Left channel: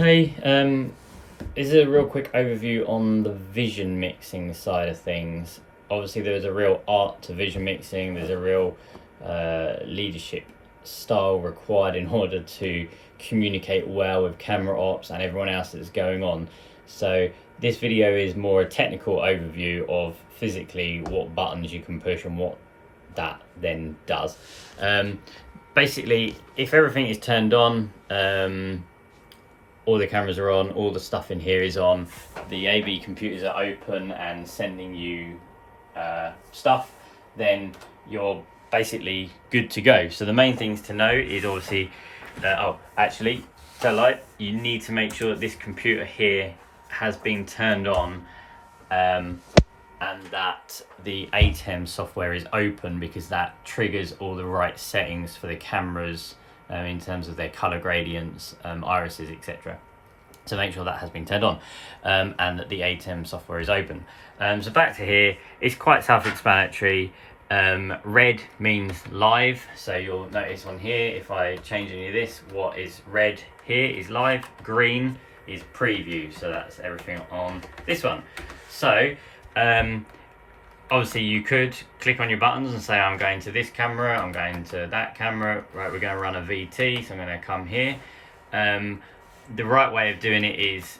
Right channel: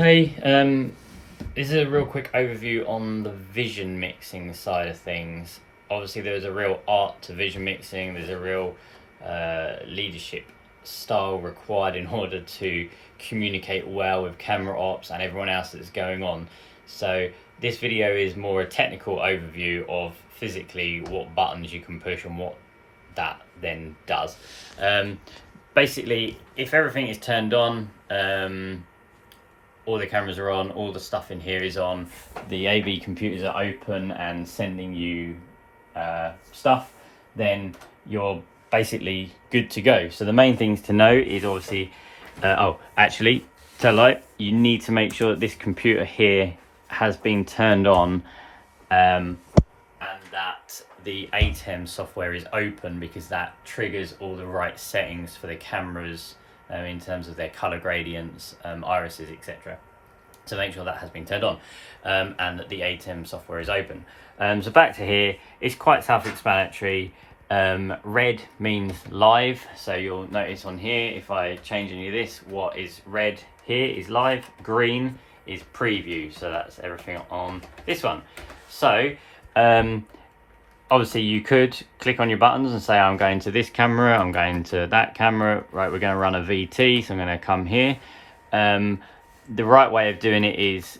Okay, this is a real quick overview on the vision mixing side of things. Obviously, there's a real art to vision mixing. There's a real leadership style required in order to communicate well with camera ops and everyone else that's going on. So this video is more a technical overview of physically what buttons you can push and what that then does. Basically, if everything is turned on, all the cameras are on, all the stuff in here is on, the AV computers are open and sending you stuff, then you're basically good to go. So the main things to know is obviously, you need to make sure that this computer here has been turned on and that the ATEM software is open, because that triggers all the right settings for the cameras in terms of their color gradients, irises, etc. So make sure that has been turned on and that the ATEM software is open. So back to here, it's quite self-explanatory. Red means live, so you'll notice on here, if I change any of this, what is red here is live, green is preview, so that's everything on this one. So obviously you could click on your buttons and say, I'm going to this camera, I'm going to that camera, right, we're going to run a VT, so I'm going to come here. The right way of doing it is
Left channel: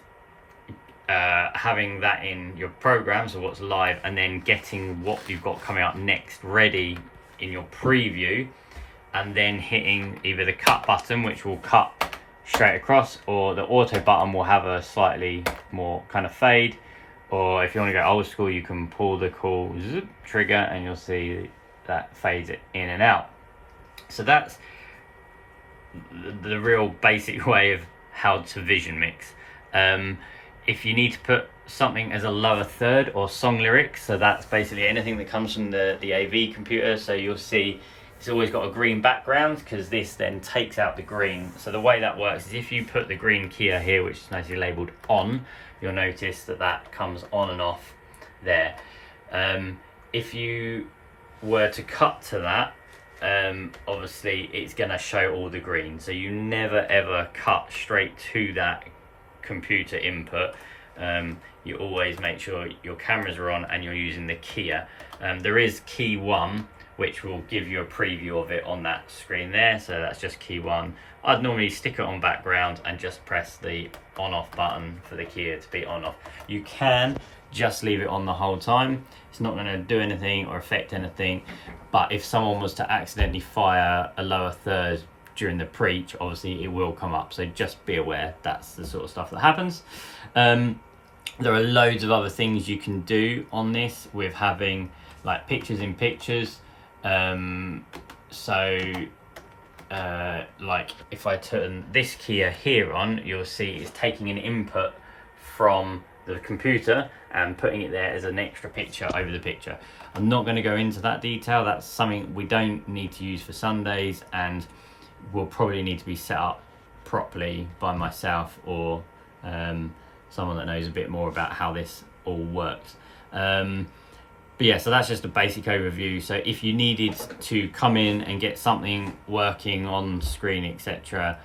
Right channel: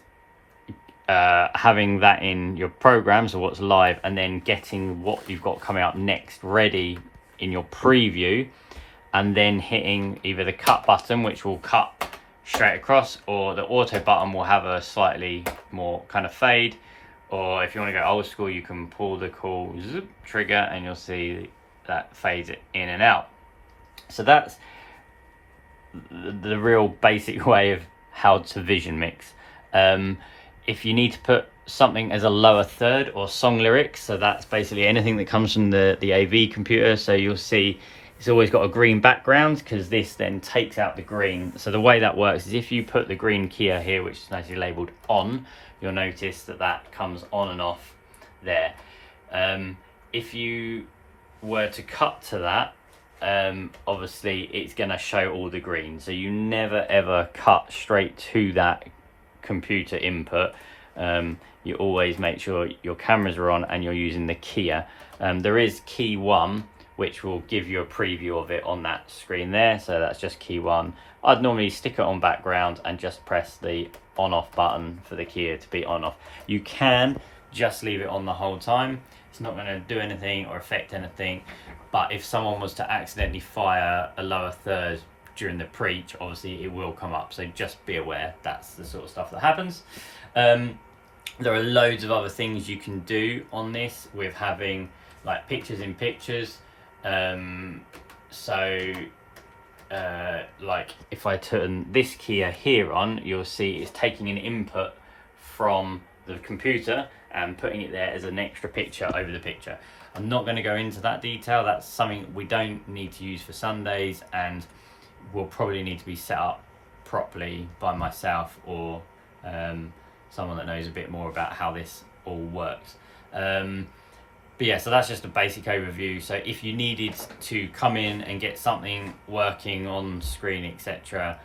having that in your program, so what's live, and then getting what you've got coming up next ready in your preview, and then hitting either the cut button, which will cut straight across, or the auto button will have a slightly more kind of fade. Or if you want to go old school, you can pull the cool zip trigger and you'll see that fades it in and out. So that's the real basic way of how to vision mix. If you need to put something as a lower third or song lyrics, so that's basically anything that comes from the AV computer. So you'll see it's always got a green background, because this then takes out the green. So the way that works is if you put the green keyer here, which is nicely labeled on, you'll notice that that comes on and off there. If you were to cut to that, obviously it's going to show all the green. So you never ever cut straight to that computer input. You always make sure your cameras are on and you're using the keyer. There is key 1, which will give you a preview of it on that screen there. So that's just key 1. I'd normally stick it on background and just press the on-off button for the keyer to be on-off. You can just leave it on the whole time. It's not going to do anything or affect anything. But if someone was to accidentally fire a lower third during the preach, obviously it will come up. So just be aware, that's the sort of stuff that happens. There are loads of other things you can do on this with having like pictures in pictures. Like if I turn this keyer here on, you'll see it's taking an input from the computer and putting it there as an extra picture over the picture. I'm not going to go into that detail. That's something we don't need to use for Sundays, and will probably need to be set up properly by myself or someone that knows a bit more about how this all works. But yeah, so that's just a basic overview. So if you needed to come in and get something working on screen, etc.,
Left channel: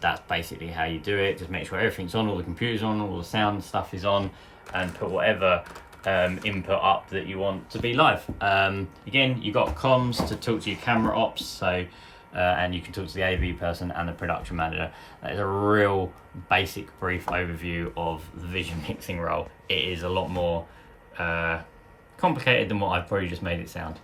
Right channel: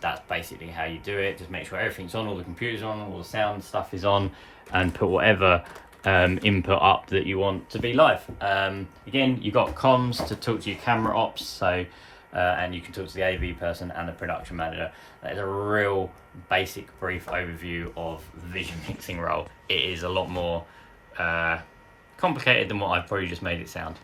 that's basically how you do it. Just make sure everything's on, all the computers on, all the sound stuff is on, and put whatever input up that you want to be live. Again, you've got comms to talk to your camera ops, so and you can talk to the AV person and the production manager. That is a real basic brief overview of the vision mixing role. It is a lot more complicated than what I've probably just made it sound.